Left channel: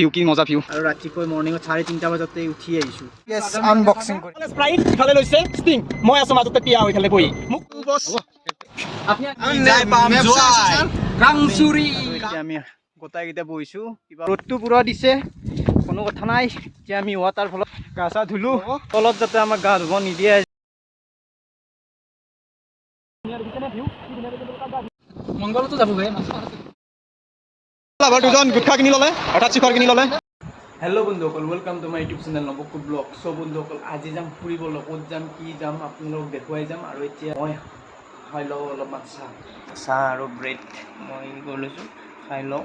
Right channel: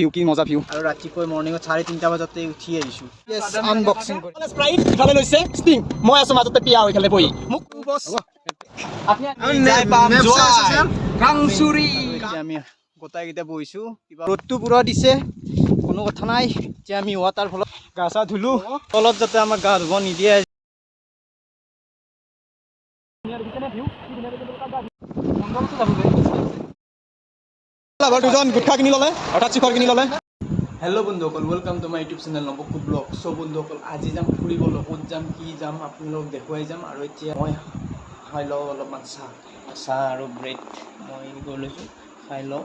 View কি মজা view আৰু ৰাতিপুৱা মৰ্নিঙত 3:30 বজাতে উঠি আহিছো আনবক্সিং কৰি স্প্ৰাইট ইফালে লৈছে ষ্টিং মই আছো মাজতে পিয়া হৈ খালে বহি মোক বস আমি যাই পাম জয় কাংচুৰি এতিয়া আমি গোটাইকেইটা বহিছো কিবা ৰ'দটো পুৰা দিছে কোনো কথা নাই এতিয়া আমি ৱাটাৰ ফলত গা চা ধুলো তলত যাতে আমাক গা ধুব নিদিয়ে মংগলতো যাবগৈ লাভাৰ দুজন গুটখা কিনি ল'লে অৰ্থাৎ শিখৰ কিনি ল'লে হেল্ল' বন্ধুসকল welcome to my YouTube channel নবকুড ব্লগ চ' বন্ধুসকল আজি যাম ফুৰিবলৈ ক'ত যাম কি যাম আপোনালোকক দেখুৱাই যাম আৰু এতিয়া মই খাই লওঁ অলপমান চাহ আৰু ব্ৰেড মই কৰি লৈছোঁ খাই লওঁ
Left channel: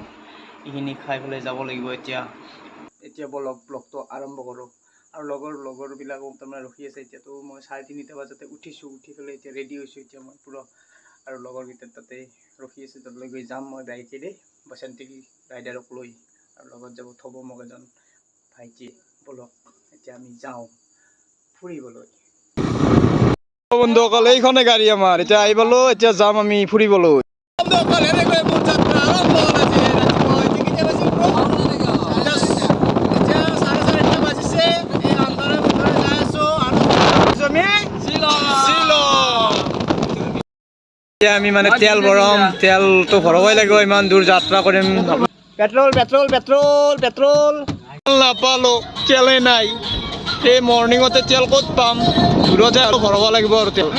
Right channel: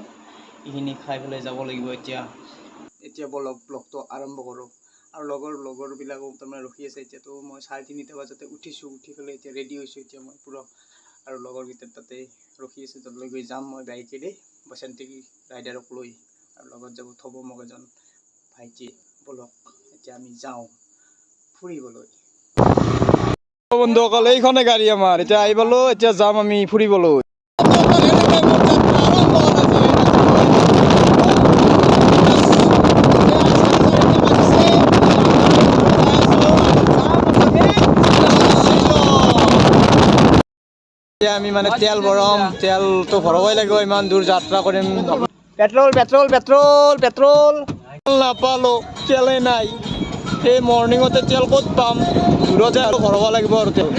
এইখিনি খাই পেলাই যাব লাগিব এতিয়া বলক ব্লগটো আৰম্ভ কৰোঁ আৰু লগৰবিলাকো তাৰমানে ৰখি আছে এতিয়াতো মই 3:30 বজাতে উঠিছোঁ উঠি পেলাই এতিয়া ৰেডি হৈছোঁ এতিয়া মই পুৰা আৰু লগৰকেইটাৰ তাতে ৰখি আছে তালৈ গৈ যাম মই বাইকেৰে বসন্তী ৰাইডাৰক লৈ আৰু লগত যাব থ'ব মোক এজন ভাইটি বলক এতিয়া আমি যাওঁ ফুৰিবলৈ বন্ধুসকল এইখনে গাড়ী আমাৰ এতিয়া আহি পালো এতিয়া যাম আমি ফুৰিবলৈ আমি মানে তেল ভৰাম তেলটো ভৰাবই লাগিব ইমান দূৰ যাত্ৰা কৰিম পেট্ৰল নাপালো তেলেই নাই এই মৰ্ণিঙতে তেল ক'ত পাম দূৰত যায় আৰু ভৰাব লাগিব আৰু তেল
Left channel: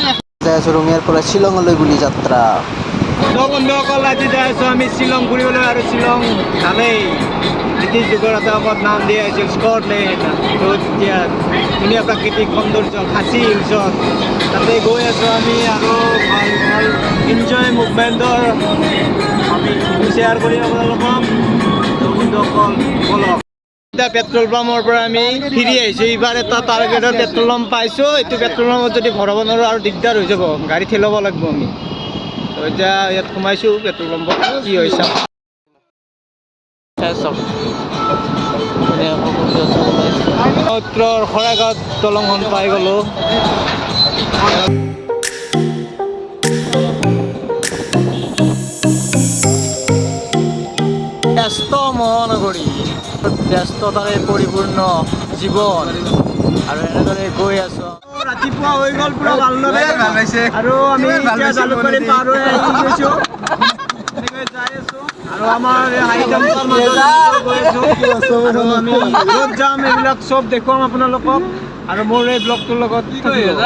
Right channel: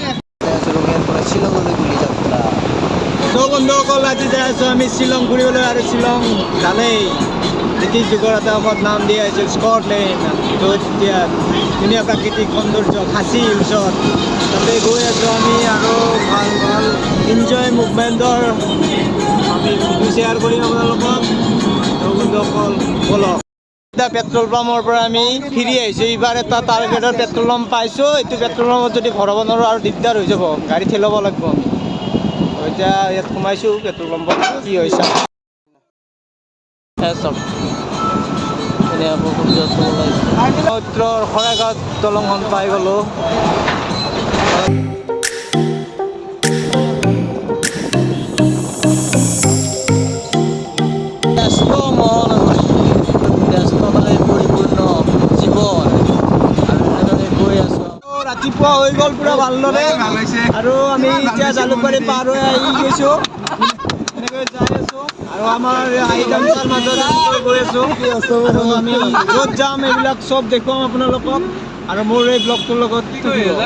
ৰঙিয়াৰ পৰা শ্বিলঙলৈ বুলি যাত্ৰা বন্ধুসকল আজি যাই আছোঁ আমি শ্বিলং ফুৰিবলৈ আৰু শ্বিলং জানেই ব্ৰিটিছ যুগৰ এটা সময়ত নাম দিয়া হৈছিল স্কটলেণ্ড য'ত এতিয়া ধুনীয়া প্ৰাকৃতিক সৌন্দৰ্য খাচী হিলছত তাতে গৈ আছোঁ আমি আৰু ভাল এনজয় মুভমেণ্টৰ আমি শ্বেয়াৰ কৰিম আপোনালোকক বন্ধুসকল বলক এতিয়া পেট্ৰল পাম্পৰ পৰা আমি ফিৰি আহিছোঁ এইবাৰ এটা টাৰ্গেটৰ পেট্ৰল পাম্প পাইছোঁ এইটো পেট্ৰল পাম্পত যদি ভৰাব নোৱাৰোঁ আৰু দিগদাৰ হৈ যাব গাড়ী ঠেলাব লাগিব আমি এতিয়া ইয়াত সোমাইছোঁ পেট্ৰল পাম্পত কি হৈছে চব ধুনীয়াকৈ সূৰ্যটো ওলাইছে উত্তৰ শৰাইঘাট দলংখন পাই গ'লোঁ ব্যস্ত মহানগৰী ব্যস্ততাৰে পৰিপূৰ্ণ জীৱন আৰু এনেদৰে গৈ আছোঁ ৰাতিপুৱা হৈ গ'ল পুৰা ভালদৰে আৰু আমি এতিয়া জালুকবাৰী পাৰ হৈ আহি গৈছোঁ এনেকৈ যাই আছোঁ আৰু আমাৰ হাইজাম্পৰ মাজত গৈ আছোঁ আৰু আমি য'ত যাম এইবিলাক চব দেখুৱাম আপোনালোকক আৰু মোৰ এই ব্লগটোৰ লগত থাকিব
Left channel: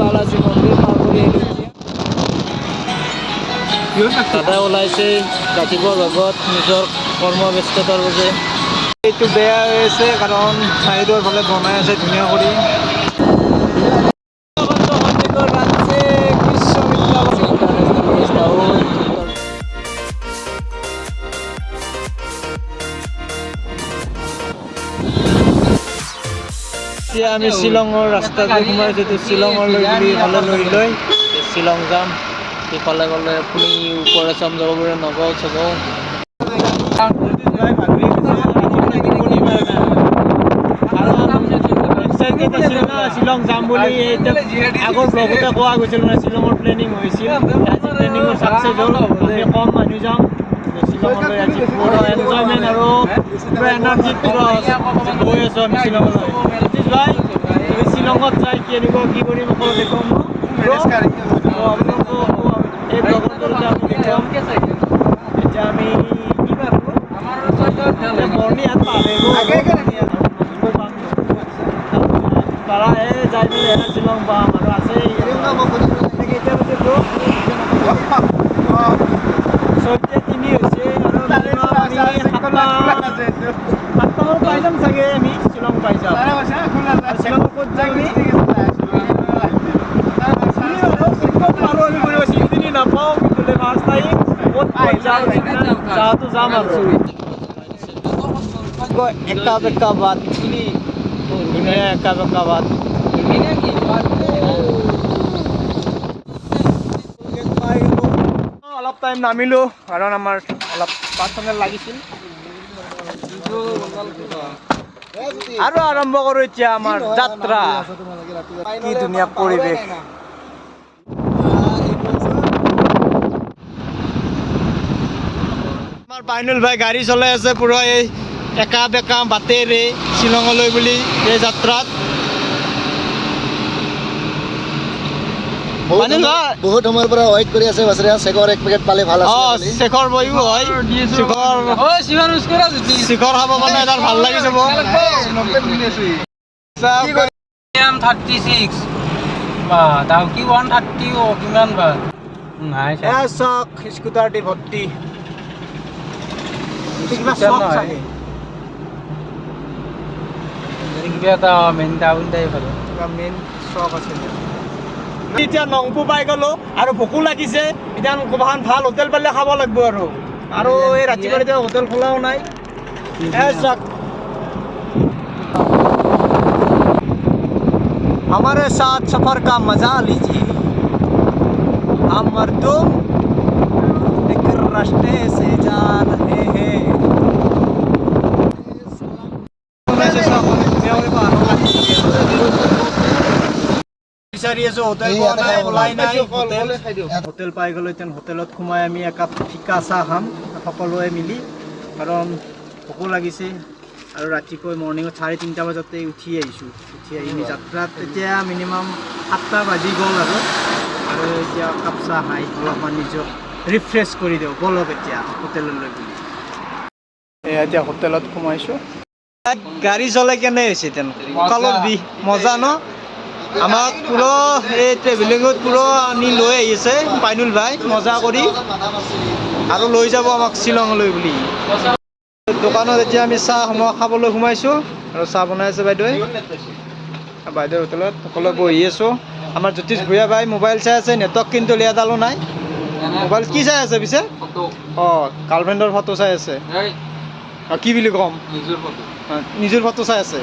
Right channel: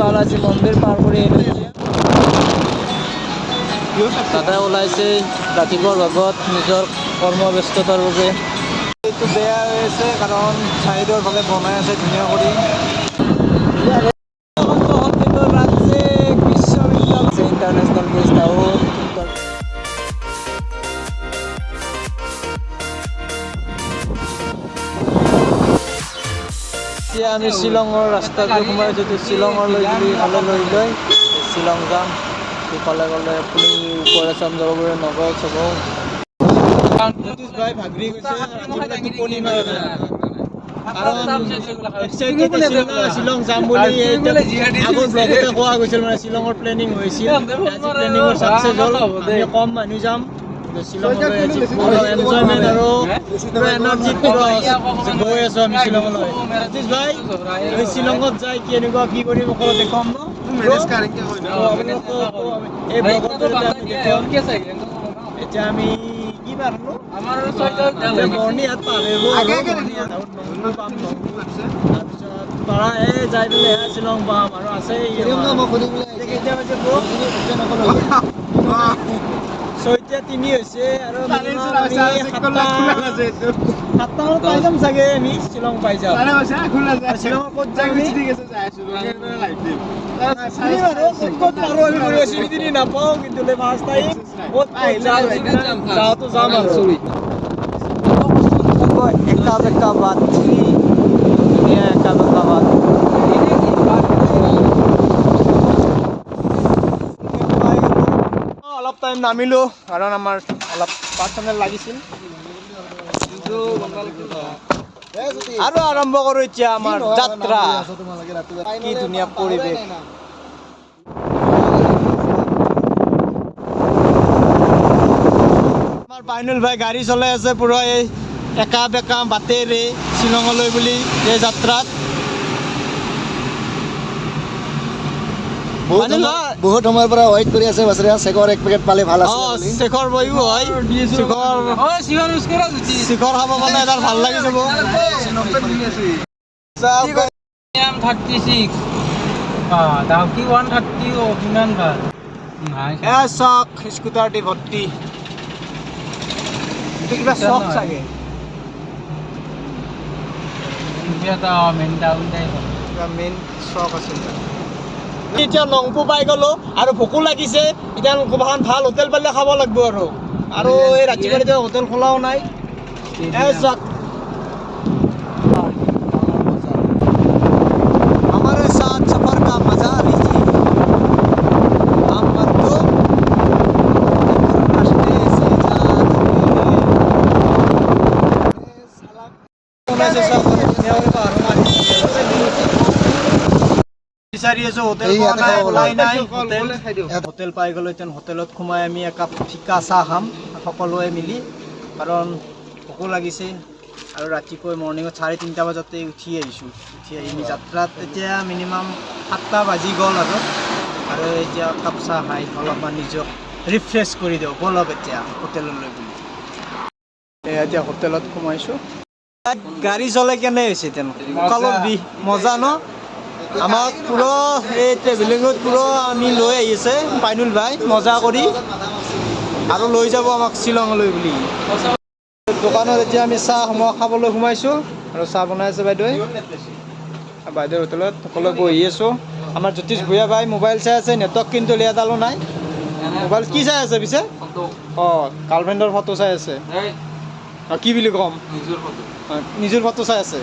বালাজী মন্দিৰ পাৰ কৰি আহিলোঁ দাদা ওলাইছে ৰাতিপুৱাৰ ভাগত নিজৰ কৰ্মব্যস্ততাৰ বাবে এইটো বেয়া হৈ আছে কাৰণ চাইডৰ ফালে বনাই আছে ধুনীয়া কৰি বিশ্ববিদ্যালয় ইণ্টাৰনেশ্যনেল গেষ্ট হাউচ এতিয়া আমি শ্বিলঙৰ ৰাস্তাটো সোমাইছোঁ শ্বিলঙলৈ বুলি হ'লে লৈ শ্বিলং যাম সিফালে গ'লে আপুনি ওপৰে চাম যাব পাৰে নগাঁও চগাঁও শ্বিলং যাম বুলি আগৰ ব্লগতে কোৱা গৈছিল মানে শ্বিলঙৰ প্লেনিং হৈছিল আজি প্লেনিঙৰ ছাকচেছ হ'ল আমি কম মানুহ যাম শ্বিলঙলৈ আজি পুৰা এনজয়মেণ্ট আৰু পুৰা এনাৰ্জিত গৈ আছোঁ আমি শ্বিলঙলৈ সতীশ ভাই আমি শ্বিলঙত যাই কেনেকুৱা কি কৰিম অকল দেখুৱাম এই ব্লগৰ জৰিয়তে আমি দেখুৱাম এতিয়া আমি কি পাৰোঁ মৰ্ণিহাট পাৰ পাৰা যাই পেলাই শ্বিলং পাম আৰু আছে 6:03 হৈছে আৰু সাতটামানত পাই যাম চাগে আমি শ্বিলং পাই যাম শ্বিলঙৰ ক'ত যাম আমি চিনি নাপাওঁ কিন্তু ফাৰ্ষ্ট টাইম ক'ত যাওঁতো যাম আৰু একা বেকা বাট ধুনীয়া একা বেকা বাট অলপ টাইম নামিলোঁ কাৰণ আমাৰ অলপ পাৰ্চনেল লাগিছিল আৰু আৰম্ভ কৰোঁ এতিয়া আমাৰ যাত্ৰা কি ধুনীয়া পৰিৱেশ পাইনুল ভাই গাড়ী চলাই আছে পুৰা এই একা বেকা বাটেৰে শ্বিলঙলৈ বুলি এই যাত্ৰাত। পাইনুল ভাই বহুত সময়ৰ পৰা ৱেইট কৰি আছে বাছৰে চেকৰ এক পেকেট পালে ভাল শেখৰ বহিব হয় শিখৰ খাব পালে এডাল ভাল লাগি যাব। 36 দাম কি 130 কিমান ভাল নাই চক স্কুটাৰ দি ভৰ্তি কিবা চক চাগে এটা মেইন টাউন মেইন চক আছে। এতিয়া নংপু পাই গ'লো আৰু ভোকো লাগিছে। এতিয়া ক'ৰবাখন ভাল হোটেল পালে খাব লাগিব আৰু এই ৰাতিপুৱা এতিয়া হোটেল খোলাও নাই। চক हमारे साथ सफर का मजा लीजिए। हम मर्दों रास्ते से जा रहे हैं। বিচাৰি আছো হোটেল পোৱা নাই, ওলাই নাই হোটেল পাই গ'লো। এতিয়া হোটেলত সোমাই আমি একাপ ফিকা চাহ খাম সকলোৱে মিলি, কাৰণ ভোকো লাগিছে আৰু ৰাতিপুৱা মৰ্ণিঙত 3:30 বজাতে উঠি আহিছোঁ। উঠি আহি যাত্ৰাত এতিয়া মিনিমাম 7টা বাজি গ'ল আৰু এতিয়া কাপ চাহ খাই অলপমান নিজক ৰিফ্ৰেছ কৰি দিওঁ বলক এতিয়া হোটেললৈ বুলি। এতিয়া হোটেলত সোমাইছোঁ। গাড়ী চলাই কেনে হৈছে কঁকালৰ বিষ মজা ন। আমাক পুৰা এই ট্ৰেভেলিঙত পুৰা আনি লৈ আহিছে পাইনুল ভাই মজা কৰি আৰু লৈ যাব আমাক শ্বিলঙলৈ বুলি। দোকানত এতিয়া আমি চাহ খাবলৈ সোমাইছোঁ আৰু চাহ বনাই আছে বাইদেৱে। বাইদেউৰ হোটেলত সকলোৱে বহি আছোঁ। আমাৰ জ্যোতিষ ভূঞা ভাই মোবাইল চাই আছে, নেটৱৰ্ক কিন্তু লিয়াডালো নাই। মোবাইল কি চাই আছে পিছে? গাৰ্লফ্ৰেণ্ডৰ ফটো চাই আছে। কি বুলি ক'ম, নিজৰ ফটো চাই আছে।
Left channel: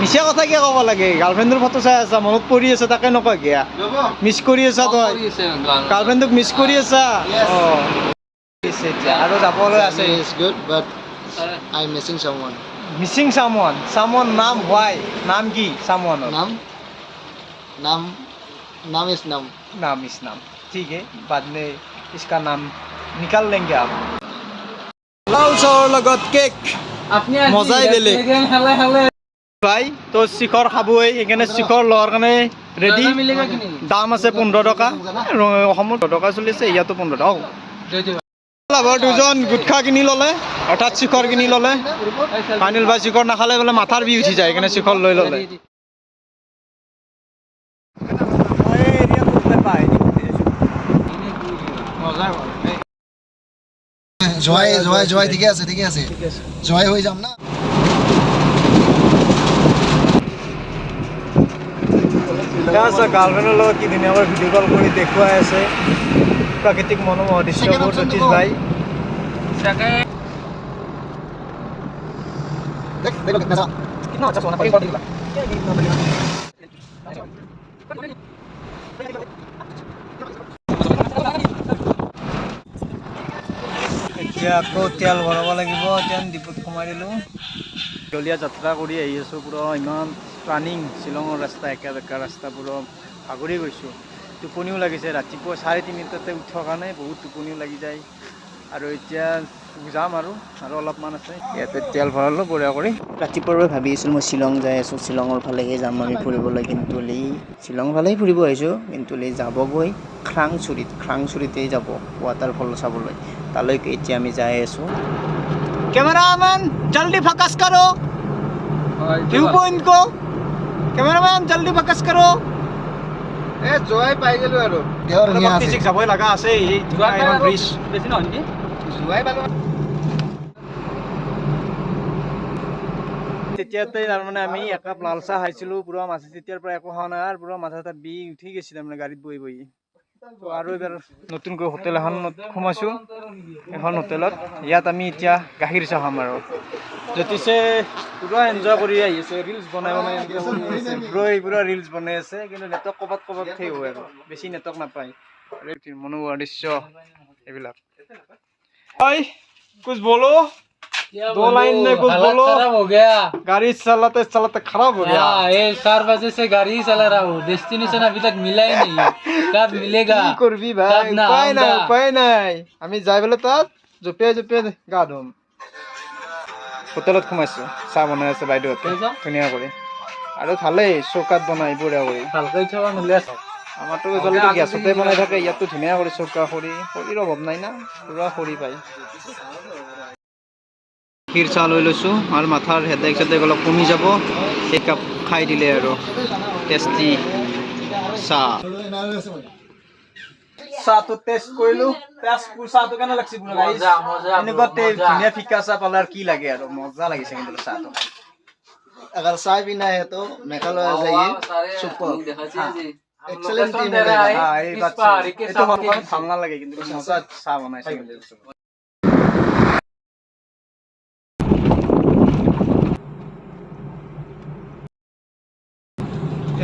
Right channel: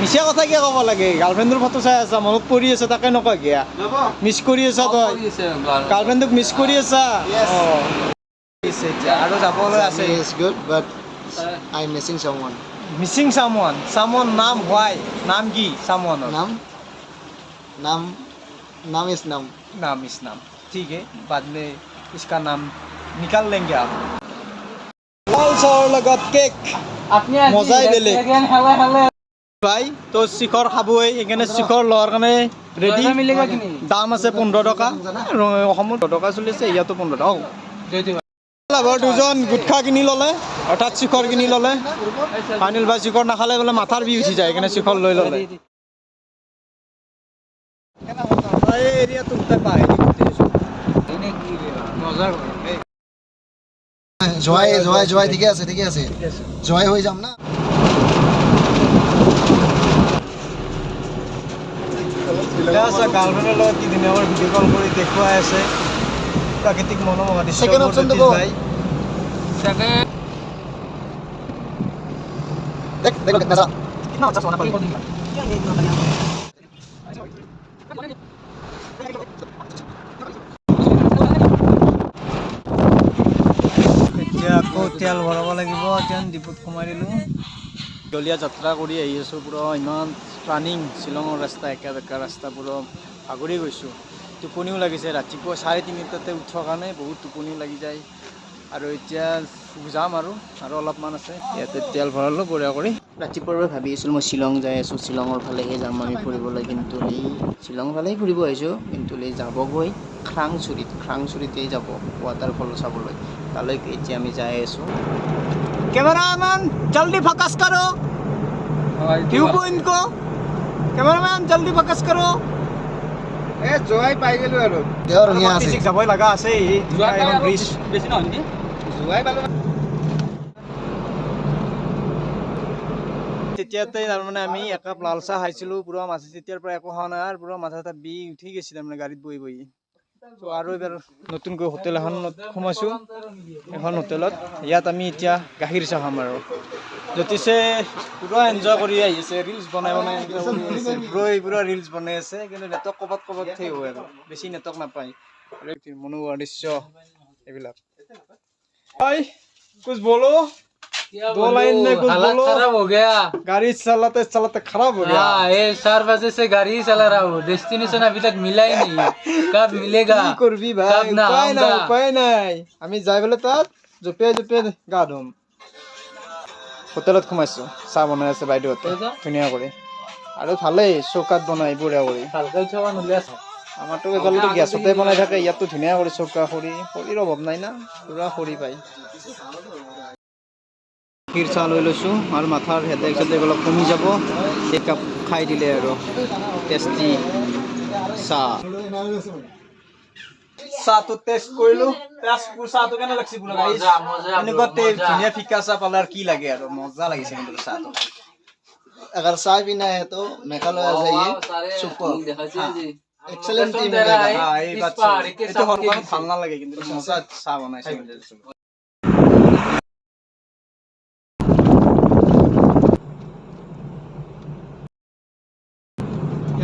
মিছা কথা কিয় ক'ব লাগে? গাৰ্লফ্ৰেণ্ডৰ ফটো চাই আছা, মনত পৰি আছে তাকে নকয় কিয়া? মিছ কৰি আছা তই, গাৰ্লফ্ৰেণ্ডক মিছ কৰি আছা। এতিয়া আৰু যাবলৈ আছে। মিছিং সামৱান নাম হোৱাই নাম কি? সামৱানৰ नाम इस नाम ठीक है, बाद में इसका नाम निकाल लेंगे आप। লাউচৰ লগত কেক মজাই বেলেগ ভাই। তো শিখৰ খাবই, সেইকাৰণে শিখৰ লোৱাৰ কাৰণে ৰেডি। দাম আছে 15 টকা। অসমত 10 টকা চলি আছে, ইয়াতো 15 টকা। লাভৰ দুজন গুটখা কিনি ল'লে, অৰ্থাৎ শিখৰ কিনি ল'লে। পাইনুল ভাই শিখৰ নাখালে বোলে মাথাৰ বিষ উঠি যায়, সেইকাৰণে শিখৰ লৈ ল'লে। জয় ঠিকে আছে জয় হৈ যাম না। গাৰ্লফ্ৰেণ্ডৰ লগত কি ধুনীয়াকৈ ভিডিঅ' কল কৰি দেখুৱাই আছে প্ৰাকৃতিক মনোমোহা দৃশ্যবোৰ জ্যোতিষ ভাই। এতিয়া আকৌ তেল ভৰাব লাগিব। এতিয়া ডিপুত সোমাই দিলোঁ। দলীয়া যাত্ৰা কৰি আহি আছোঁ, পুৰা ইমান ৰানিং শ্বিলঙৰ ৰাস্তা, একা বেকা ৰাস্তা, পুৰা ভাগৰি গৈছোঁ। টোপনিও লাগিছে, ৰাতিপুৱা 3:30 উঠাৰ কাৰণে বহুত টোপনিও লাগি যায়। আৰু এতিয়া যাম আৰু অলপমান আছে। ইয়াতে তেল ভৰালোঁ বঢ়িয়া কৰি। ৰাতিপুৱাৰ পৰা ভাবি আছিলোঁ মই শ্বিলং যাই আছোঁ, শ্বিলঙৰ ফালেহে যাম আমি ফুৰিবলৈ, কিন্তু শ্বিলং ফালেই ফুৰিব আহিছোঁ, কিন্তু যাবগৈ খাংচুৰিতেই যাব ৱাটাৰফল চাবলৈ। তালৈকে এতিয়া আমি যাই আছোঁ। কেমেৰামেন জল্দি ফ'কাছ কৰো, ভিউ পইণ্ট কো কেমেৰামেন জল্দি ফ'কাছ কৰো। জয় পাই গ'লো আৰু যাবই লগা আছে। এই ব্ৰিজ বেছি নহয় নেকি? তেতিয়াতে তাৰমানে আমি একাপ লাল চাহ খাইছিলোঁ, পুৰা মাথা তেতিয়াৰ পৰা একো খোৱা নাই আৰু পুৰা মাথা এটা বিষ উঠি গৈছে তাৰমানে গাড়ীত বহি বহি। আৰু এবাৰ নতুনকৈ হোটেল এখনত সোমাইছোঁ। এখন হোটেলত ইয়াত আমি এতিয়া গাখীৰ চাহ খাম আৰু জ্যোতিষে পুৰা এনজয় কৰি আহি আছে, ৰিলচ বনাই এনজয় কৰি আছে। পুৰা ৰিলচ বনাই আছে, কিন্তু নেটৱৰ্ক ক'ৰবাত সেই হয় আৰু বেছি নেটৱৰ্ক নাপায়। মনোমোহা দৃশ্য এইবিলাক। कुछ बोलो, 2 लाइन में कुछ बोलो। खराब हो गया, गाड़ी चलाते चलाते खराब हो गया। ये 4 बजे से गाड़ी ही चला रहा हूँ, डेस्टिनेशन अभी तक मिला ही नहीं। कब मिलेगा? কি করবি ভাই? तब ना উপায় নাই, आऊंगा। উপায় নাই। আমি যাই বলে তাত জপিয়াই জপিয়াই গা ধুম। হোটেলত সোমাইছোঁ, চাহ বনাই আছে বাইদেউহঁতে ধুনীয়া কৰি। আৰু ভালেই চৌকাত বনাই বঢ়িয়া কৰি। ভালকৈ থোৱা নলিয়া চাওক। আমাৰতো এইফালেতো গেছতে বনাই থাকে, ইয়াততো ধুনীয়া কৰি চৌকা খৰিৰ অভাৱ নাই না, পুৰা খৰি পায়। গাখীৰ চাহ লৈ লৈছোঁ আৰু মাথাৰ হেডেক চেডেক অলপ কমি যাব। এক কাপ খাই দিলে আৰু টেষ্টি চাহ। চাহটো টেষ্ট কৰিলোঁ, চাহটো কেনে লাগিছে বোলো গাইছ? এনেকুৱা ধুনীয়া ফিকা চাহ পালে আৰু কি লাগে আৰু, মজা লাগিছে কিন্তু চাহটো। अगर चाय पीना है तो मेघालय आ जाइए सुपर एक्सेलेंट टीम मिलेगा এই বাচ্চা এইটো সলমান ভাল নালাগে কিন্তু মজা চাহ বনাইছে কিন্তু।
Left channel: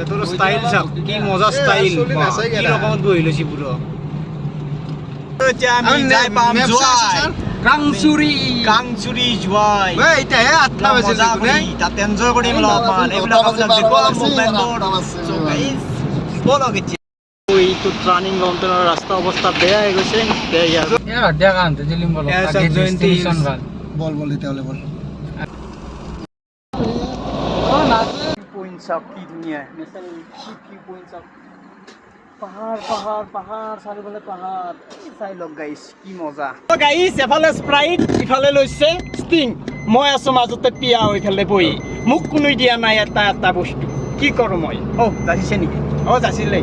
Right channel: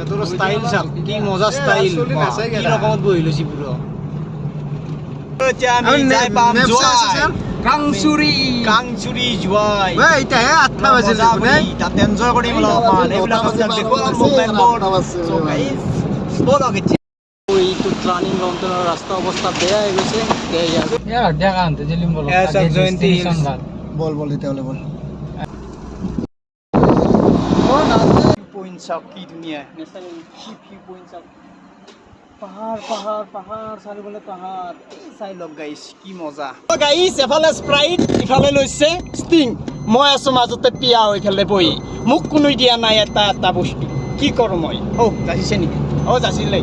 এটোর স্টাইল চাওক, কি মজা স্টাইল, কি রকমত বহি লৈছি পুরো। আমি যাই পাম জুৱাই কাংচুৰি জুৱাই মজা কৰি তাত এনজয় কৰিম অলপমান। এইবিলাক আপোনাক দেখুৱাম মুভমেণ্টবোৰ। So guys, বলক এতিয়া। এইটো টাৰ্ণিং মাউণ্টেইনৰ ৰাস্তা অৱস্থা বেয়া হৈ গৈছে। দিয়া কান্ত জিলিম বল জয়ন্তী बोल बोल तेवले बोल পইণ্ট চাওক কি ধুনীয়া, কি পইণ্ট চাওক, পাহাৰ পাহাৰ পাহাৰ চাৰিওফালে পাহাৰ। চাই লওক গাইছ কি মজা। গাইছ এফালে স্প্ৰাইট ইফালে লৈছে ষ্টিং, মই আছো মাজতে পিয়া হৈ ফেলে বহি। মোক কোনো দিয়া নাই এটা বস্তু, কি কৰোঁ মই? যাচিছে নেকি? যাচিলে।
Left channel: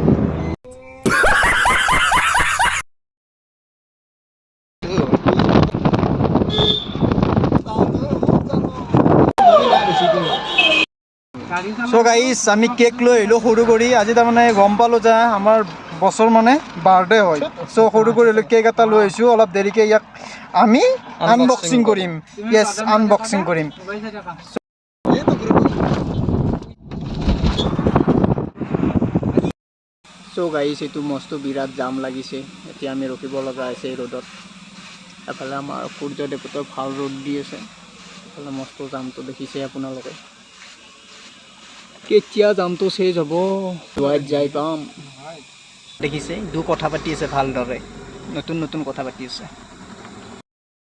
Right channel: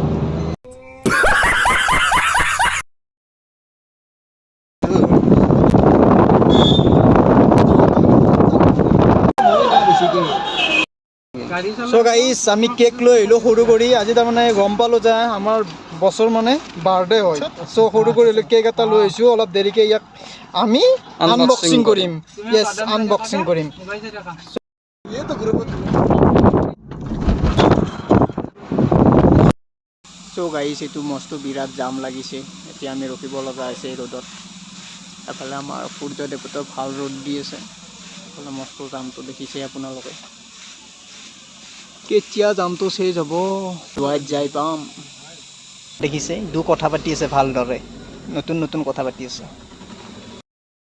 চ' গাইছ আমি কেক লৈ আহিলোঁ সৰু কৰি। আজি তাৰমানে গম পালোঁ যে আমাৰ বছৰ মানে বাৰ্থডে হয়। চ' সৰু কৰি কেক এটা লৈ আহিছোঁ। অলপ দেৰিকৈ ইয়াক আমি আনবক্সিং কৰিম। য়েছ, আনবক্সিং কৰিম। চ' গাইছ এইটো মস্ত বিৰাট জাম লাগিছে। এতিয়া আমি ৰখিব লগা হৈছে এই ৰ'দত। এফালে আমাৰ সূৰ্য দেৱতাও ভাল ৰ'দ দি আছে, এফালে মস্ত জামটো দেখিছে আপোনালোকে। কেতিয়া জামটো চেজ হ'ব, জুৱাইত যাই পাম। দেখিছে কথা পাতি আছে ভালদৰে, নতুন নতুন কথা পাতি আছে।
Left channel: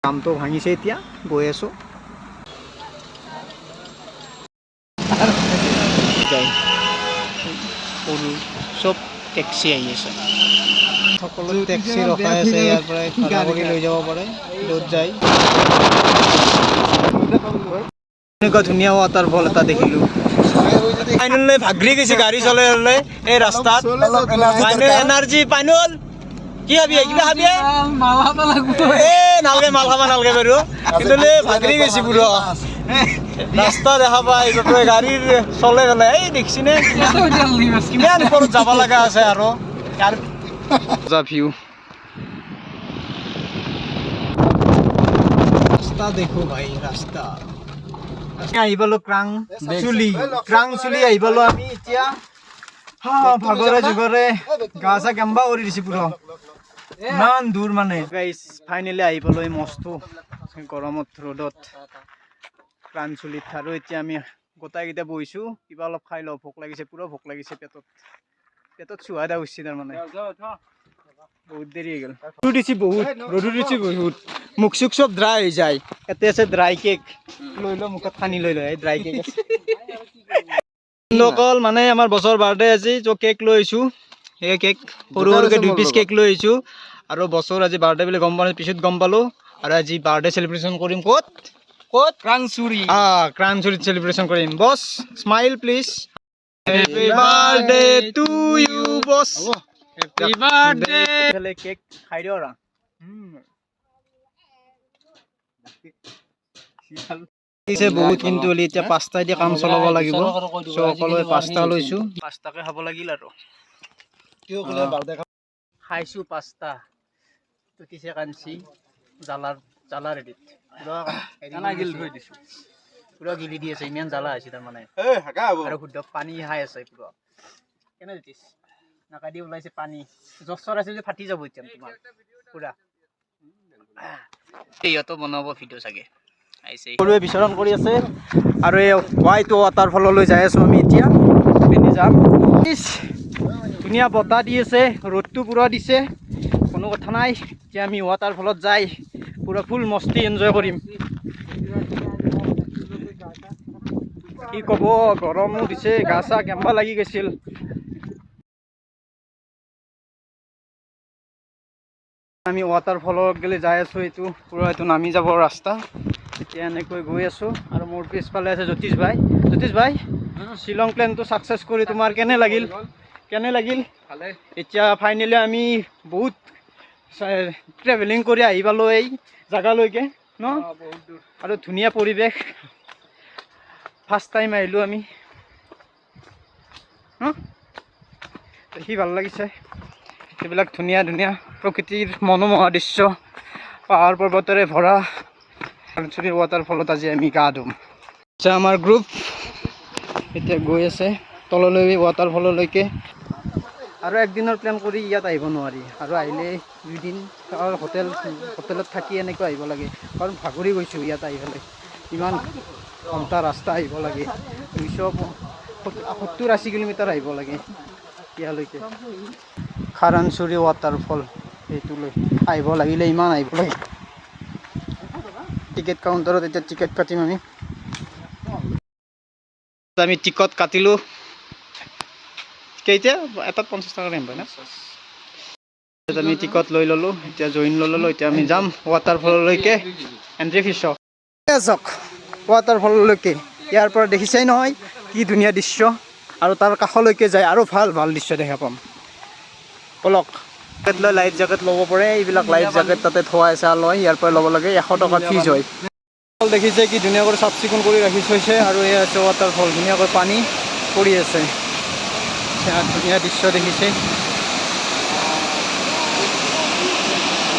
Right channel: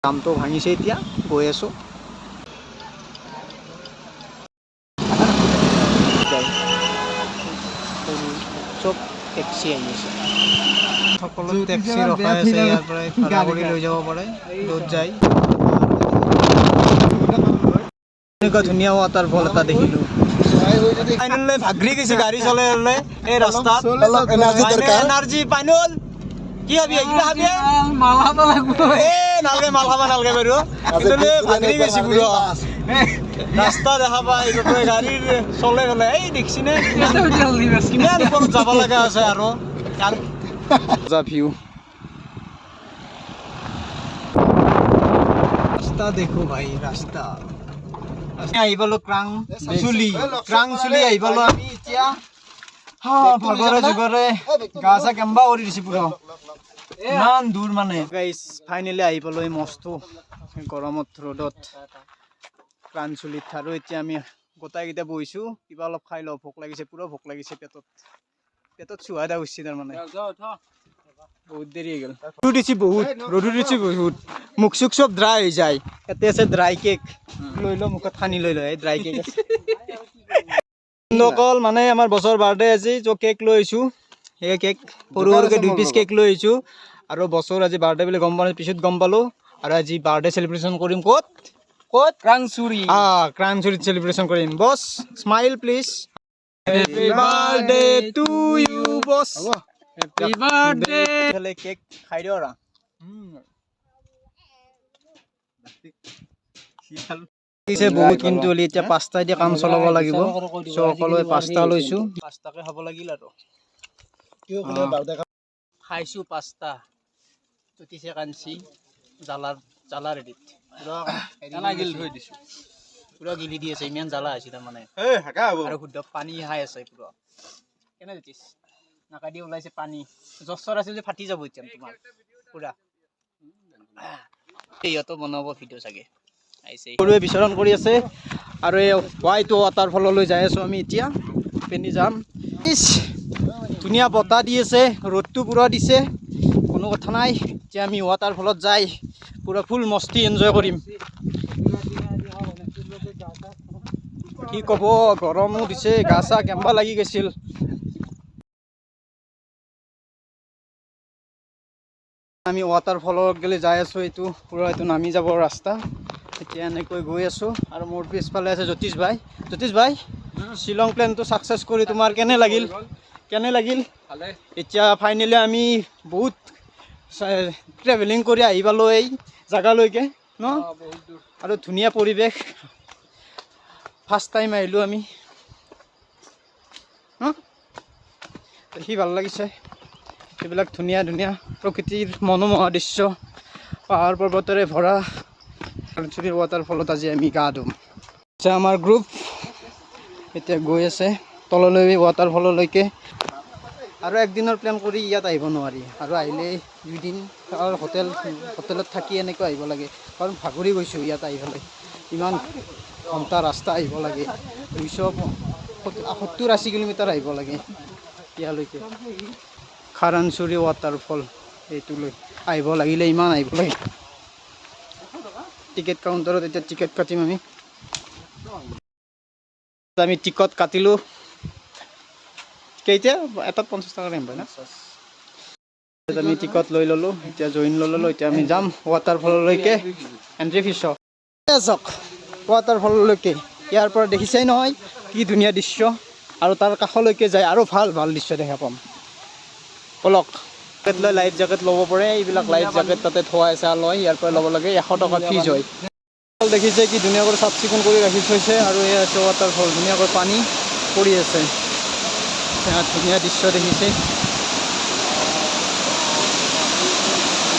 জামটো ভাঙিছে, এতিয়া গৈ আছোঁ। চব টেক্সি আহি আছে, সকলো টেক্সি ৰখাই আছে। ইয়াৰ পৰাই ভাড়া কৰি লৈ যাব পাৰে য'ত যায়। এনেকুৱা ধুনীয়া ৱাটাৰফল এটা দেখিলোঁ। পাইনুল ভাগৰি গৈছে গাড়ী চলাই চলাই এই ৰাস্তাত। এনাৰ্জি পাইনুল কি খাবি, কিবা খাবি? নালগে মাল খাবা নালগে বাৰু, কিন্তু ভাগৰি গৈছে পুৰা ৰাস্তা দেখা পাই গাড়ীৰ চলে গ'লে। এই দেখিছিনে কিমান ওপৰত যাব লগা আছে আৰু ভিউ। ৰাস্তা দেখো ভাই, ৰাস্তা আহি পালো ক্ৰাংচুলি আহি পালো আমি এতিয়া। ভাগৰে যুগৰে গা চা কেম্বা কৰি দিছে পুৰা, ইমান দূৰ মানে। গাইছ ফাইনেলি আহি পালো এই মস্ত গৰমত ৰ'দত ক্ৰাংচুলিত। আৰু এতিয়া আমি গোটাইকেইটা বহিছোঁ, কিবা অলপ খাই লওঁ। ভোক লাগিছে, পুৰা ভোক লাগিছে। পেটত চুহা এটা উঠিছে তাৰমানে, বহুত দেৰি হৈ গ'ল। ৰ'দো দিছে বহুত, মুখ চুখ চব ড্ৰাই হৈ যায়। ইয়াতে আছে ড্ৰাই কেক, লৈ লওঁ মুখত সানি লৈ লওঁ। এই ড্ৰাই কেক আছে অকল মানে আমাৰ বছৰ বাৰ্থডে আজি। চ' কেক লৈ আহিছোঁ, সেই কেক সৰু সৰুকৈ 2 পিচ কেক লৈ আহিছোঁ। আৰু বছৰ আজি বাৰ্থডে বুলি গম পোৱা পিছত গম পালোঁ। আৰু আজি বাৰ্থডে চেলিব্ৰেশ্যন কৰিম ক'ত ক্ৰাংচুৰিত চেলিব্ৰেশ্যন কৰিম। Boss smile please. Happy birthday to you boss. Happy birthday. Cake খাই দিওঁ আৰু বহুত, কিন্তু এতিয়া 5টা দিয়ে কাম চলাব লাগিব। চ' সকলোৱে 5টা লৈছোঁ, 5টাকে খাব লাগিল আৰু খাইছোঁ 5টা। তুতিছে কাঞ্চি জ্বালা ৰেডিত পুৰা গিলি দি আছে, ইমান জ্বালা হৈছে তাৰমানে। আৰু শুদ্ধ পানী খাই আছে পুৰা। কেনে দিছ নাকা দি ওলাইছে পানী, জ্বৰ আছে যে ফাটি যাব এতিয়া তোমাৰ পুৰা। সিহঁতো বনাব ভিডিঅ' চাগে সৰুৱে বিচৰণ কৰি আছে। আৰু এই হোৱাইট ৱাটাৰফললৈ যাই আছোঁ আমি এতিয়া, পিন্ধি যাম। ধুনীয়া বতাহ দি আছে, ৰ'দটো পুৰা দিছে, কোনো কথা নাই। এতিয়া আমি ৱাটাৰফলত যাই পুৰা ফুল মস্তি এনজয় কৰিম। কি ক'ব, গৰমো দিছে, গা চা কেম্বা লাগি গৈছিল। আমি ৱাটাৰফলৰ গেলে যাই আছোঁ, এইটো পুৰা এইটো নামি যাব ৰাস্তা। এতিয়া এনেকৈ গৈ আছোঁ আৰু মোৰ পিছফালে আছে জ্যোতিষ ভাই। জ্যোতিষ ভাই, শ্বিলং প্লেনটো ছাকচেছ কৰি তোমাৰ কেনে লাগিল? এতিয়া ফাইনেলি আমি বহুত ট্ৰেভেলিং কৰি আহি পালোঁ এই জেগালৈকে ন, আৰু ধুনীয়া পৰিৱেশ। ফাৰ্ষ্ট টাইম আহিলোঁ আমি ন, দেখি ভাল লাগিছে। এইবিলাক ধুনীয়া ধুনীয়া প্ৰকৃতিৰ মনোমোহা দৃশ্য, পাহাৰ পৰ্বতেৰে ভৰা ৱাটাৰফলত আজি আমি গা ধুম। এতিয়া আমাৰ গ্ৰুপ এতিয়া গৈ আছে তললৈ ৱাটাৰফললৈকে। আৰু একদিনৰ প্লেন কৰি ইয়াত আহিব নোৱাৰি, আৰু আহিলে 2 দিন হোটেলত থাকি এনেকৈ আহিব লাগে, কাৰণ ভাগৰি গৈছোঁ ইয়াত আহি পেলাই। ইমান ঘণ্টা ৰাস্তা আহিব লাগে, 270-80 কিলোমিটাৰ আহিব লাগে ইয়ালৈকে। খাৰানচুৰি ৱাটাৰফল, এইটোলৈ আহিব লাগিলে ইমান আহিব লাগে। টিকেট কাউণ্টাৰত এতিয়া টিকেট কাটিম আমি। টিকট কাটিলোঁ, কেইটা এটাত 50 টকা দাম পায় না। আমি টিকট লৈ ল'লোঁ, এতিয়া জইন লৈ ল'লোঁ। এতিয়া আমি যাম ৱাটাৰফললৈকে। এণ্ট্ৰি ফিজ চাওক ৱাটাৰফললৈকে। ইয়াৰ পৰা দেখিছেই নহয় কি ধুনীয়া দৃশ্য, আৰু তাৰ কাষলৈকে যায় আৰু ভাল ভাল দৃশ্য দেখা পাম। বলক, জেকেট লৈ লাইফ জেকেট ল'ব পাৰে। এইবিলাক লাইফ জেকেট তাতে থোৱা আছে, লয় ইয়াৰ পৰা ল'ব লাগে। 100 টকা ফিজ হয়। দেখিছে কি ধুনীয়াকৈ চাফ চিকুণ কৰি ৰাখি থৈছে, আৰু এই আছে ৱাটাৰফল, ধুনীয়াকৈ পানী পৰি আছে। ধুনীয়া দৃশ্য দেখিছে,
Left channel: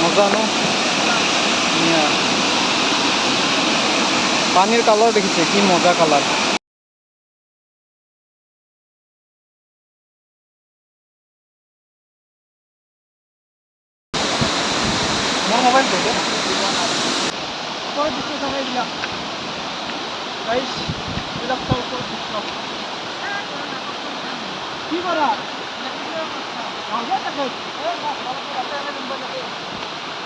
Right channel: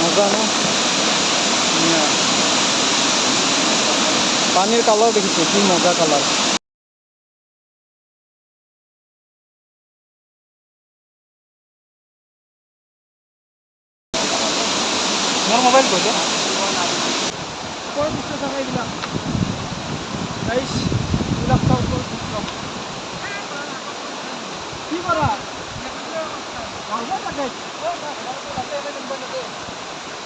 মজা ন, ধুনীয়া পানীৰ কালাৰ দেখিছে কি মজা কালাৰ।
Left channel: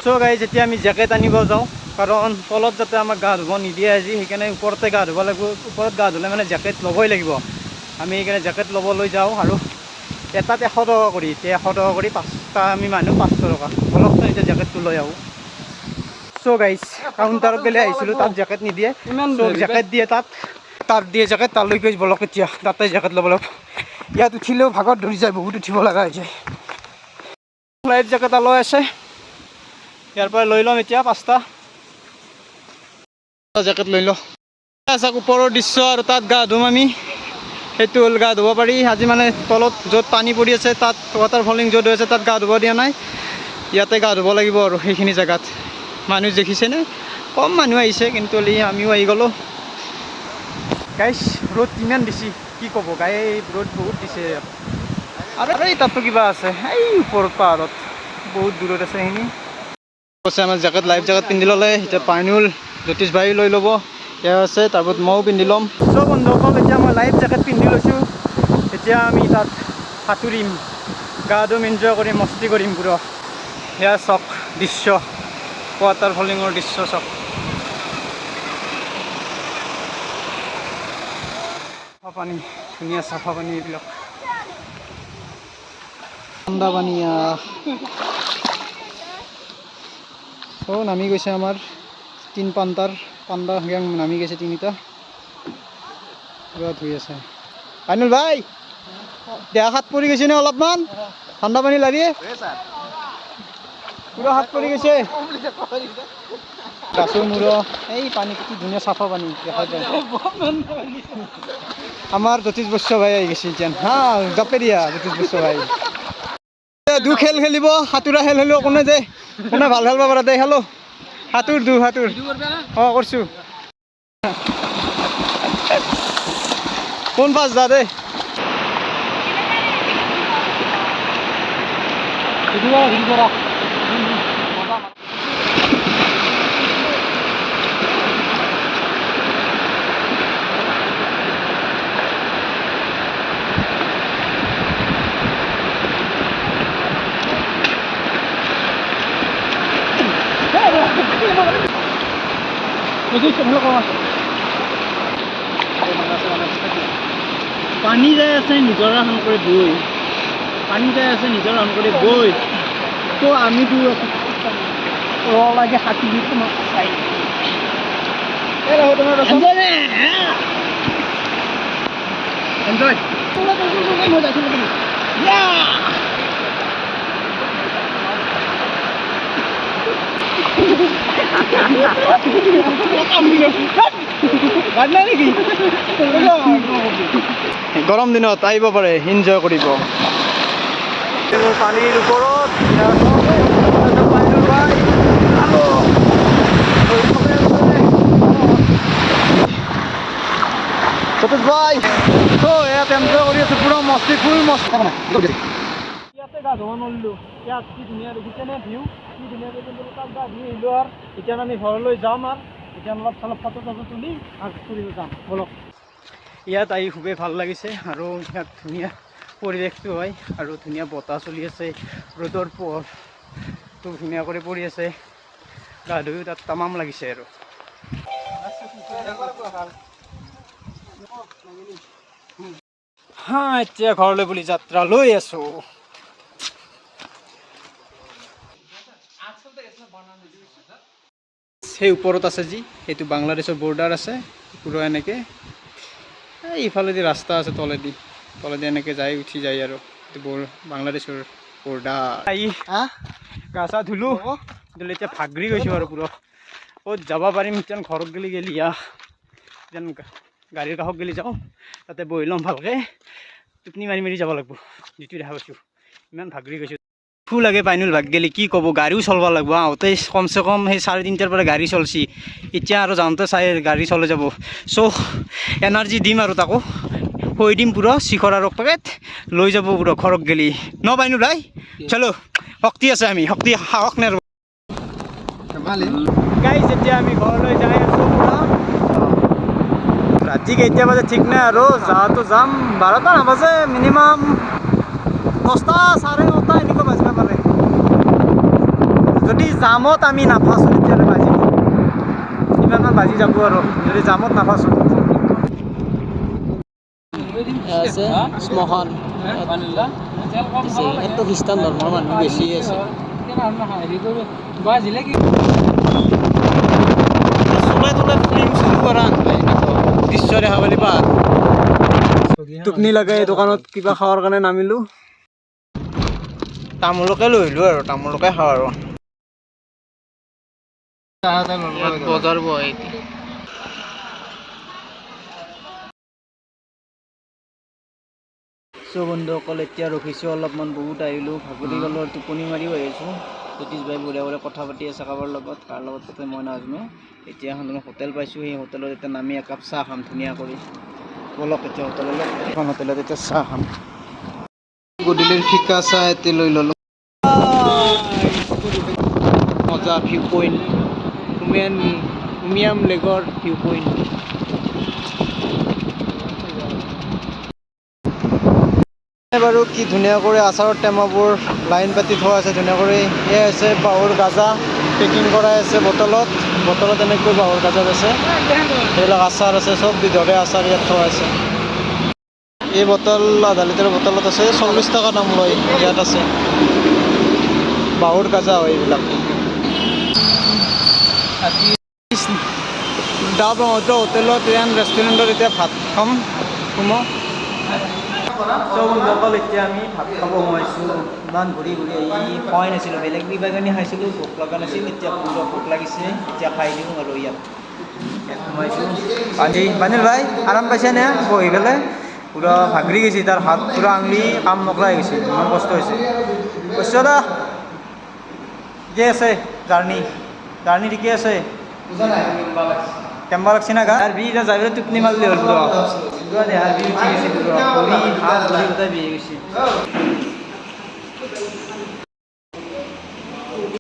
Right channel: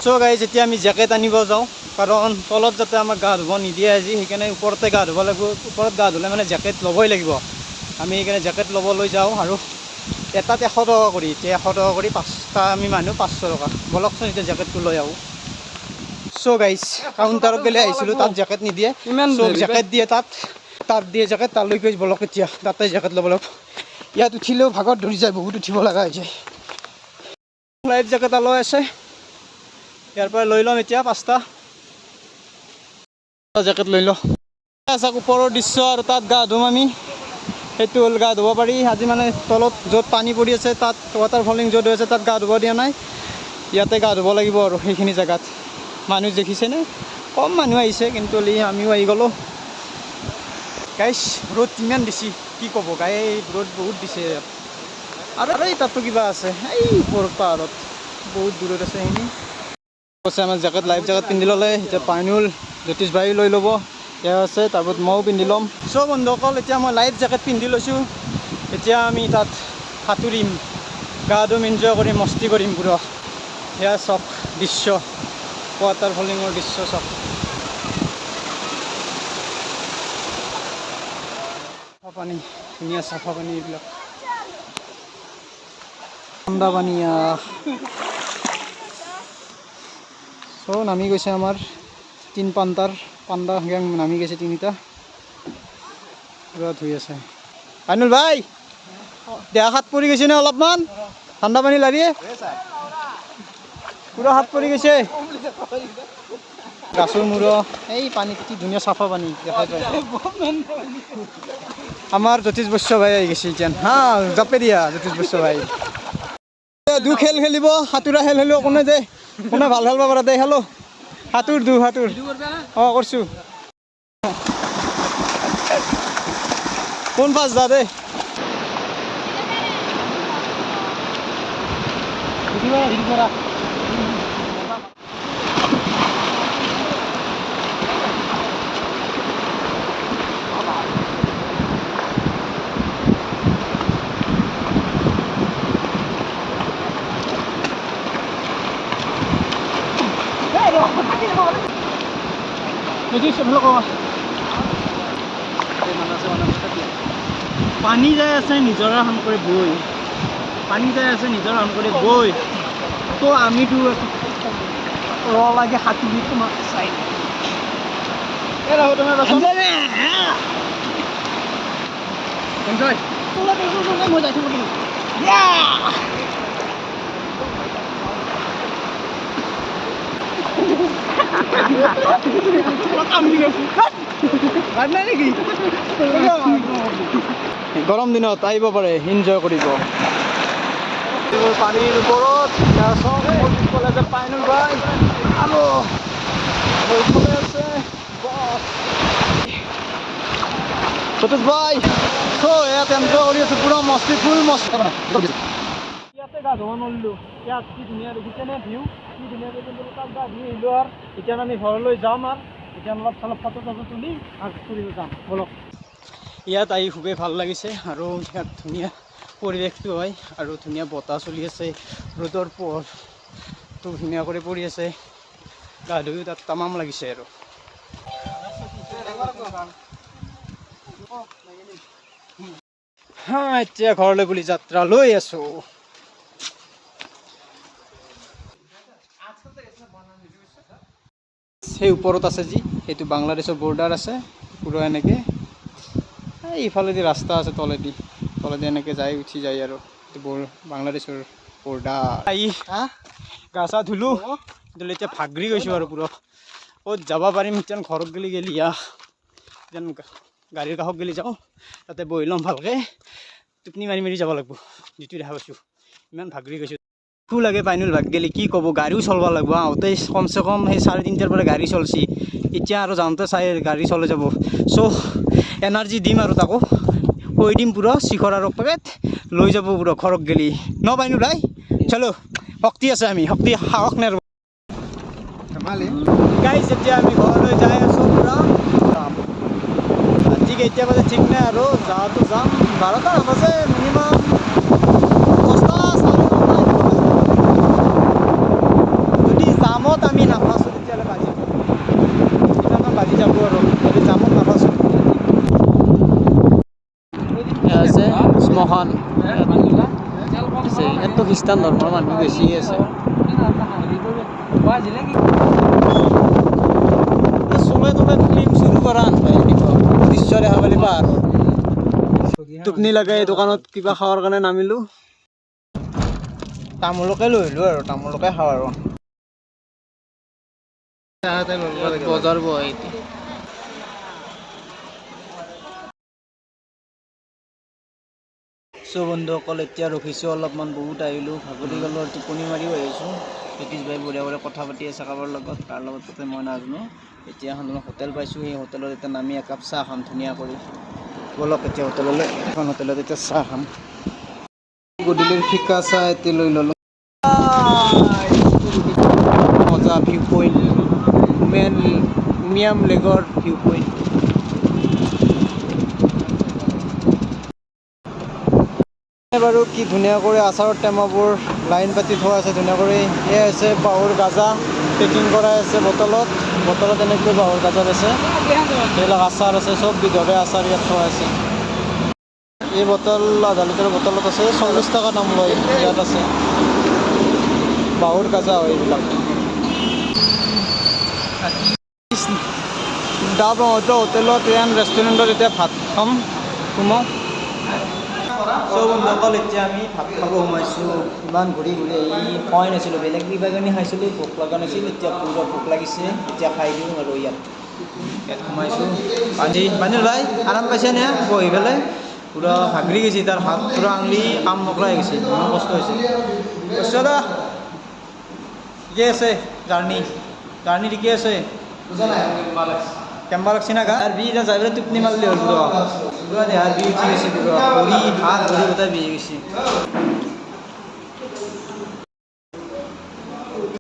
চ' গাইজ, এতিয়া আমি জেকেট আনিব যাওঁ, কাৰণ তলত যাতে আমাক গা ধুব নিদিয়ে আজি, সেইকাৰণে ওপৰতে গা ধুব লাগিব। ওপৰত গা ধুলে মানে জেকেট ল'বই লাগিব। আমি সেইকাৰণে জেকেট ল'বলৈ যাওঁ, আৰু এটাত 100 টকা কৰি। এতিয়া 100 টকা কৰি 5টা আমি মানুহ 500 টকা। বলকচোন এতিয়া জেকেটটো লৈ আহোঁ। চ' গাইজ, কাউণ্টাৰত গ'লে আহিছিলোঁ, তাত জেকেট নিদিয়ে। চ' জেকেট দিয়ে তাত দিয়ে জেকেট, তালৈ গৈ বলক এতিয়া তাতে জেকেট ল'ব লাগিব। ইয়াত উঠিলেও ভাগত ধৰি যায়, বহুত উঠিব লগা হৈ যায়। লাইফ জেকেট লৈ আছে, ইয়াৰ পৰা লৈ ল'ম এতিয়া 5টা জেকেট লৈ লওঁ। চাওক ওপৰৰ দৃশ্য, আৰু তাত গা ধুম আমি। সেইটো হ'ল গা ধুব পাৰি আজি, মানে তলত য'ত পানী পৰি আছে তাত ৱাটাৰফলিং য'ত হৈ আছে তাত গা ধুব দিয়া নাই। ইয়াতে গা ধুব লাগিব, আৰু সেইখিনি জেগাত মানুহ দেখিছেনে, কম মানুহ আহিছে, কিন্তু আমিও আহি গ'লোঁ। গাইছ, ৰ'দ ইমান দিছে, কি ক'ব গাই, ৰ'দ বহুত দিছে। আৰু এই তাততো কিবা আছে, এই ওপৰত পাহাৰত বহুত দূৰত আছে সেইখিনি। কৈছে আমাৰ জেকেট, লাইফ জেকেট পিন্ধি ল'লে। এতিয়া পানীও জ্যোতিষ ভাই লৈ ল'ব, এয়া আছে, তাৰপিছত ময়ো পিন্ধি ল'ম। চ' বন্ধুসকল, এতিয়া মই লাইফ জেকেট পিন্ধি লৈছোঁ। এতিয়া আমি তাত সাঁতুৰিম, গা ধুম, এনজয় কৰিম, মস্তি কৰিম পুৰা। সেয়া চাওক দৃশ্য, ৱাটাৰফলিঙৰ দৃশ্য চাওক। চাফা পানী, ধুনীয়া চাফা পানী, এইবিলাক ঠাণ্ডা পানী। চ' নামি গৈছে আমাৰ 3 পাণ্ডা গেং, নামি গৈছে 3টা, পুৰা ধুই আছে। আইনুল ভাই, দেহা হাত পৰি গৈছে নে অলপমান? ঠাণ্ডা পানী লাগে, পুৰা হাত পৰি গৈছে গাছৰ মূৰ। এই পানী কি ধুনীয়া চাফা পানী দেখাই পায়। আমাৰ জ্যোতিষ বৈশ্য ভাই আহি গৈছে এতিয়া, হা জাপে দিয়া জ্যোতিষ বৈশ্য ভাই। দু খেল খেলিব, সাঁতোৰা খেল খেলিব, কোনে ভাল খেলিব পাৰে দে, খেলো সাঁতোৰ অঁ কৰিছোঁ। কোন পাঁচ যা দে পানী যাই আছে নিজৰা সান কৰি বৈ, পানী যাই আছে নিজৰা সান কৰি বৈ, তো আমিতো ৰ লাগে হাতী দি তোমাক চাই এনজয় মই যাই থাকোঁ তুমি গৰম দিনত আহিব পাৰে, এনজয় কৰিব। পানীৰ ওপৰত পানীৰ ভাই আৰু সতীশ ভাই ইয়াত এনজয় কৰি আছো, পুৰা মস্তি ফুল মস্তি। ইয়াতে গা ধুব নোৱাৰিলোঁ, ইয়াত কি ধুনীয়া দেখিছেনে ভিউ, কি ধুনীয়াকৈ তাত গা ধুই আহিলোঁ। আৰু এতিয়া আমি ঘৰলৈ যাম, আৰু এতিয়া অলপ চলপ ফটো চটো তুলি আৰু ফুৰিব যাম বলক। ইয়াত আহি খুবেই ভাল লাগিছে, আৰু ইয়াত ধুনীয়া পৰিৱেশটো হয়, আৰু ধুনীয়া বতাহ চলি আছে, ৰ'দৰ পোহৰটো ধুনীয়া কৰি পৰি আছে, গা ধুইও তাত তামাম লাগিছে। আৰু এতিয়া ঘৰলৈ বুলি যাত্ৰা লৈ আছো। সেই ওপৰত আছে যি, সেইটো বাংলাদেশৰ বৰ্ডাৰ আছে পুৰা এনেকৈ, ইফালেদি ৰাস্তা আছে তলেদি এনেকৈ যাই উঠি যায়, আৰু এইটো বাংলাদেশৰ বৰ্ডাৰ। গা চা ধুলোঁ, এতিয়া ভাগৰি গৈছোঁ আৰু পুৰা। ক'ত যাব পাৰিম যেন, ঘৰত গেলি যেন গাড়ীৰ কাষত গেলি যাওঁ, তাতে বহি ল'ম ভালকৈ, টোপনি মাৰি মাৰি যাব লাগিব। যিটো দেখা পাইছোঁ ইমান ভাগৰি গৈছোঁ। ফুল লাগে পাইনুল ভাগ গেলি, কি ক'ব, গাড়ীও চলাব লাগিব। আহোঁতে কমচে কম সেই 3:30 পৰা গাড়ী চলছি, এতিয়া আৰু যাওঁতে গাড়ী চলাই যাব। চ' এনাৰ্জি দিম আৰু তাকো কৈ দিম পুৰা শিখৰ আৰু পেকেট লৈ যাব পুৰা ঘৰত গেলি ন পাইনুল ভাই। চলো, শক্তি আছে, আমি শক্তি সাহস নেৰ গাইছ। এতিয়া আমি ঘৰলৈ যাই আছোঁ পুৰা, ঠিক এতিয়া বাজে ঠিক নাই, আৰু যাওঁতো যাম 12টা নাবাজে, মিনিমাম 10টা 9:30 এনেকুৱা বাজিব পালে। যদি জামত আমি নাফাচোঁ তেতিয়াহ'লে বাজি কিমানমান বাজি যাব, আৰু যদি জামত নাফাচোঁ। আছে শ্মশান, ইয়াততো খ্ৰীষ্টান ধৰ্মৰ মানুহ বেছি আছে। চলাই তলাই ফিল্ম শুট কৰা নাপায়, দৃশ্য দেখা পালি পাহাৰ। টোপনি লাগে, দোকানত কিবা খাৱাৰ কাৰণে নামিলোঁ, তামোলকে লৈ আহিলোঁ, আৰু তামোলকে খাওঁ। আৰু বজাৰ বহে বন্ধুসকল, এতিয়া ৰখিছোঁ অলপমান, বহুত আহিলোঁ, ভাগৰি গ'লোঁ, আৰু টোপনি মাৰিও আহিছোঁ। সতীশ ভাই বঢ়িয়া বঢ়িয়া কথা পাতি আছে কাৰোবাৰ লগত, কাৰ লগত তাতে মই নাজানো। এতিয়া এখন হোটেল পাইছোঁ, সেই হোটেলত এতিয়া নামি একাপ চাহ খাম ধুনীয়া কৰি। বলক এতিয়া হোটেললৈ, এখন হোটেলত এতিয়া চাহ খাম। গধূলিৰ ফিকা চাহ এটি লৈ ল'লোঁ। মজা ভিউ পইণ্ট, উমিয়াম লেকৰ ভিউ পইণ্ট। বাৰু কি ধুনীয়া কৰি আচাৰৰ টেমাবোৰ লাইন পাতি থোৱা আছে ধুনীয়া কৰি। এয়া আছে বাঁহৰ গাজা পেকিং কৰাই আছে বটলত এনেকৈ বাঁহৰ গাজাত আছে, এইবিলাক আচাৰ আছে, চব বিধৰে আচাৰ ইয়াত থোৱা আছে। এই বটল আধা লিটাৰৰ বটলত আছে 40 টকা দাম লয়, ইয়াত আছে বাঁহৰ গাজা হয় এইবিলাক। দা ব্ৰহ্মপুত্ৰ হোটেলত ৰেষ্টুৰেণ্টত এতিয়া ভাত খাম, চব বন্ধুসকল এতিয়া আমি ভাত খাব সোমাইছোঁ। ইমান ঘূৰি আহি খোৱাই নাছিলোঁ, বেলেগ কিবা কানি খাইছিলোঁ, ভোক লগা নাছিল, এতিয়া পুৰা ভোক লাগিছে, এতিয়া খাই দিওঁ। আৰু ইয়াত সোমাইছোঁ। পানীল ভাই আৰাম পাইছেনে বহি পেলাই? পুৰা ভাগৰি গৈছে, তাৰ হাত পুৰা আঙুলি কাম নকৰা হৈ গৈছে, ইমান কষ্ট হৈছে। দা ঠিকে আছে, জাৰ্ণি ঠিকে আছে, কেম্বা লাগছে না গা? আর বি যা যাই টোপনি মারলি হল পুরো দেহার বি উঠি গেছে, পুরো ভরি হাত ভরি কোথায় দিয়ে গেছে।